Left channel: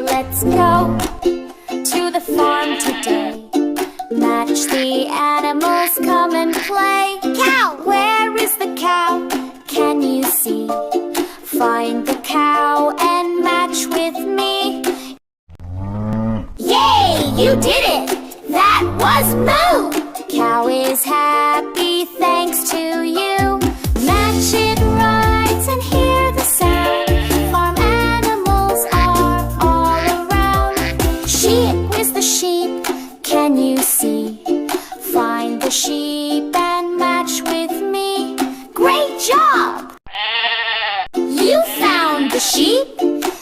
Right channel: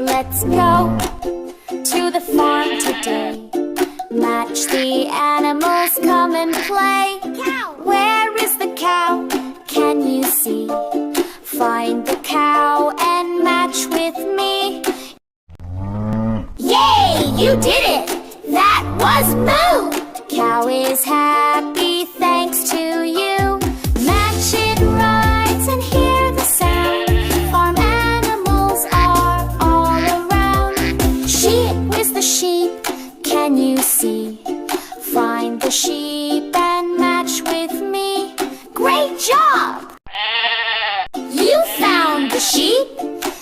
Let's go to the farm today. Match the animals, come and play. Cow! Where is the cow? Can you see? Find the cow and match with me. Yay! You did it! That was Moo! Cow is happy thanks to you. Match it right and hear the sound. Farm animals are all around. Sheep, where's the sheep? Can you see? Find the sheep and match with me. Great job! You found the sheep.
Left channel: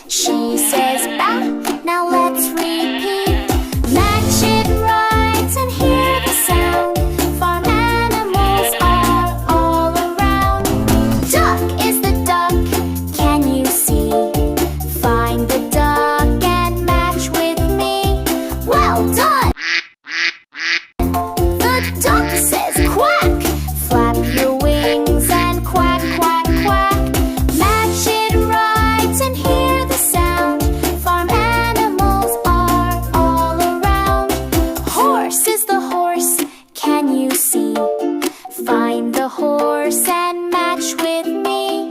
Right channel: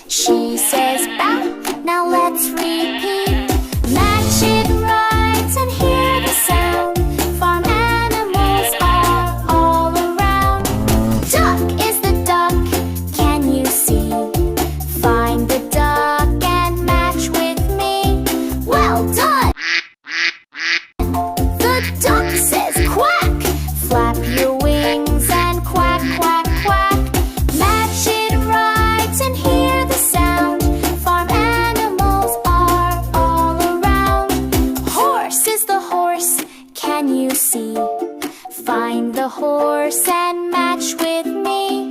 She says bow. Now let's repeat. Match it right and hear the sound. Farm animals are all around. Duck is the duck. Can you see? Find the duck and match with me. Well done! The duck says quack. Flap your wings and quack, quack, quack. Match it right and hear the sound. Farm animals are all around. Horse is the horse. Can you see? Find the horse and match with me.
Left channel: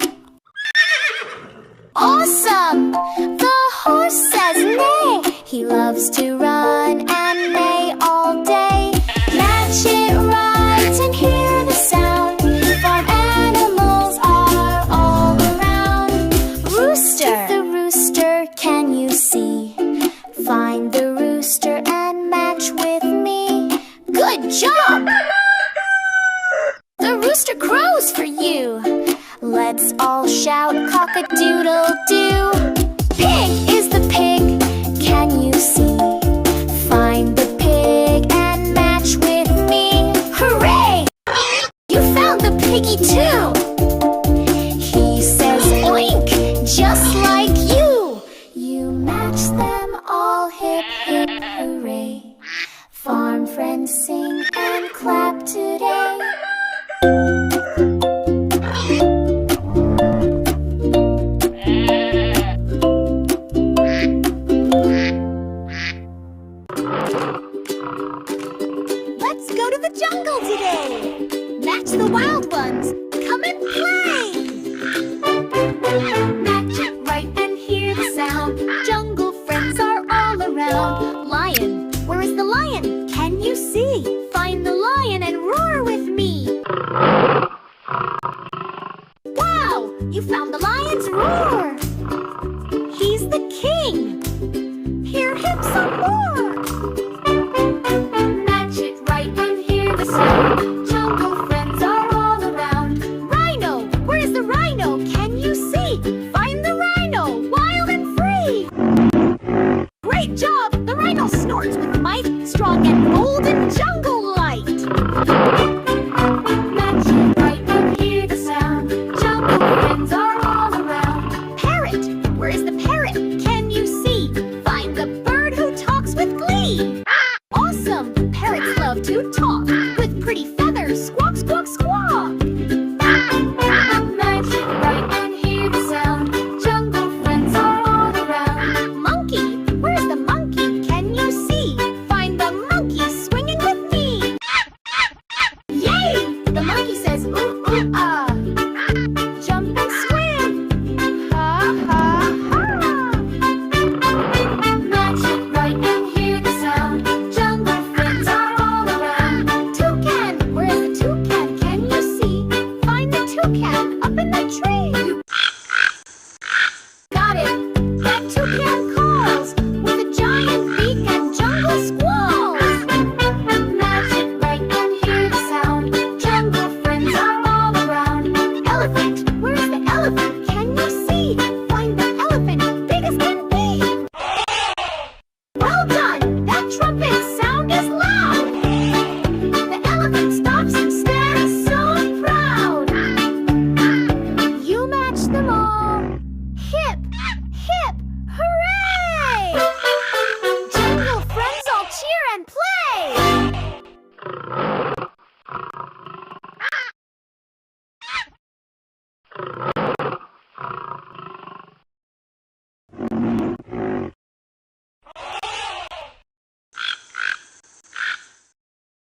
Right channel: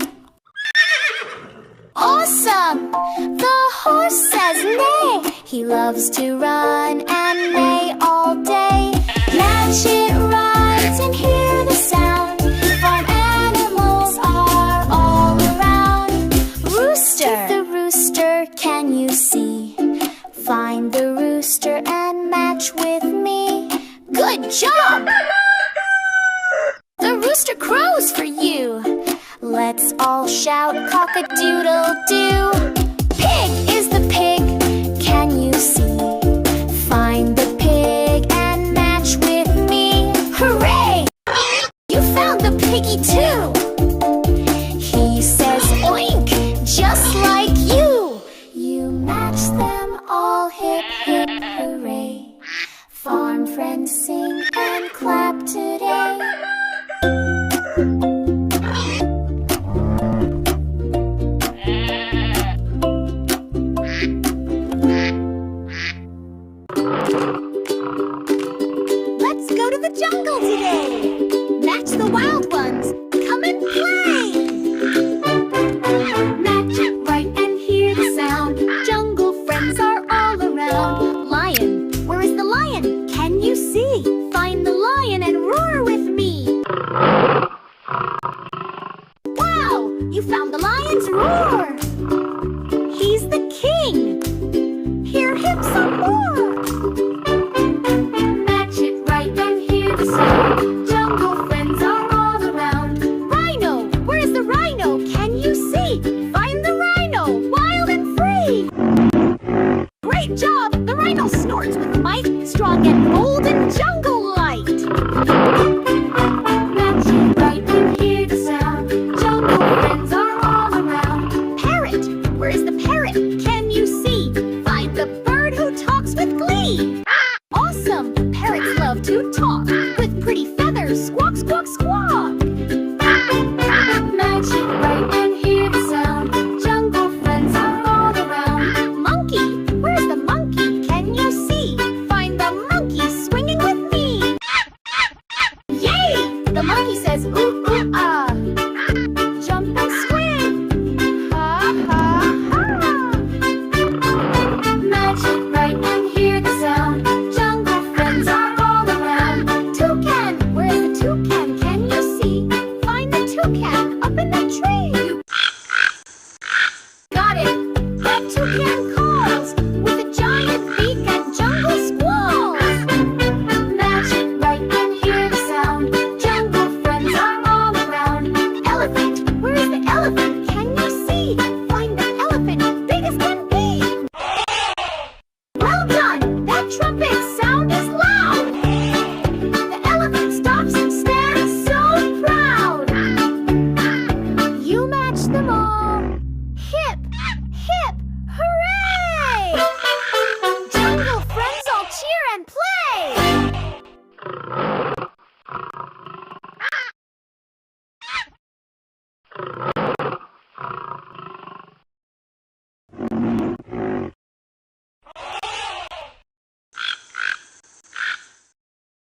Awesome! The horse says neigh. He loves to run and neigh all day. Match it right and hear the sound. Farm animals are all around. Rooster! The rooster, can you see? Find the rooster and match with me. Good job! The rooster crows for you. Let's all shout cock-a-doodle-doo. Pig is the pig. Can you see? Find the pig and match with me. Hooray! You found the piggy too. He says oink, just like you. You match them all, hip, hip, hooray. Farm friends sing and clap today. Let's go to the jungle today. Match the wild ones. Come and play. Match it right and hear the sound. Jungle friends are all around. Lion, where is the lion? Can you see? Find the lion and roar with me. Wow, you found the lion's roar. He's the king. Hear him some more. Match it right and hear the sound. Jungle friends are all around. Rhino, where is the rhino? Can you see? Find the rhino, wild and free. Great job! The rhino snorts with might, strong and bold in jungle light. Match it right and hear the sound. Jungle friends are all around. Parrot, where is the parrot? Can you see? Find the bird who talks with glee. Awesome! Parrots love to talk with pretty feathers. Squawk, squawk, squawk. Match it right and hear the sound. Jungle friends are all around. Monkey, where's the monkey? Can you see? Find the monkey swinging with me. Yay! The monkey says ooh, ooh, ah. Jump and swing. Ha, ha, ha. Match it right and hear the sound. Jungle friends are all around. Toucan, where's the toucan? Can you see? Find the toucan up in the tree. Got it. That toucan calls with a giant beak and jungle squalls. Match it right and hear the sound. Jungle friends are all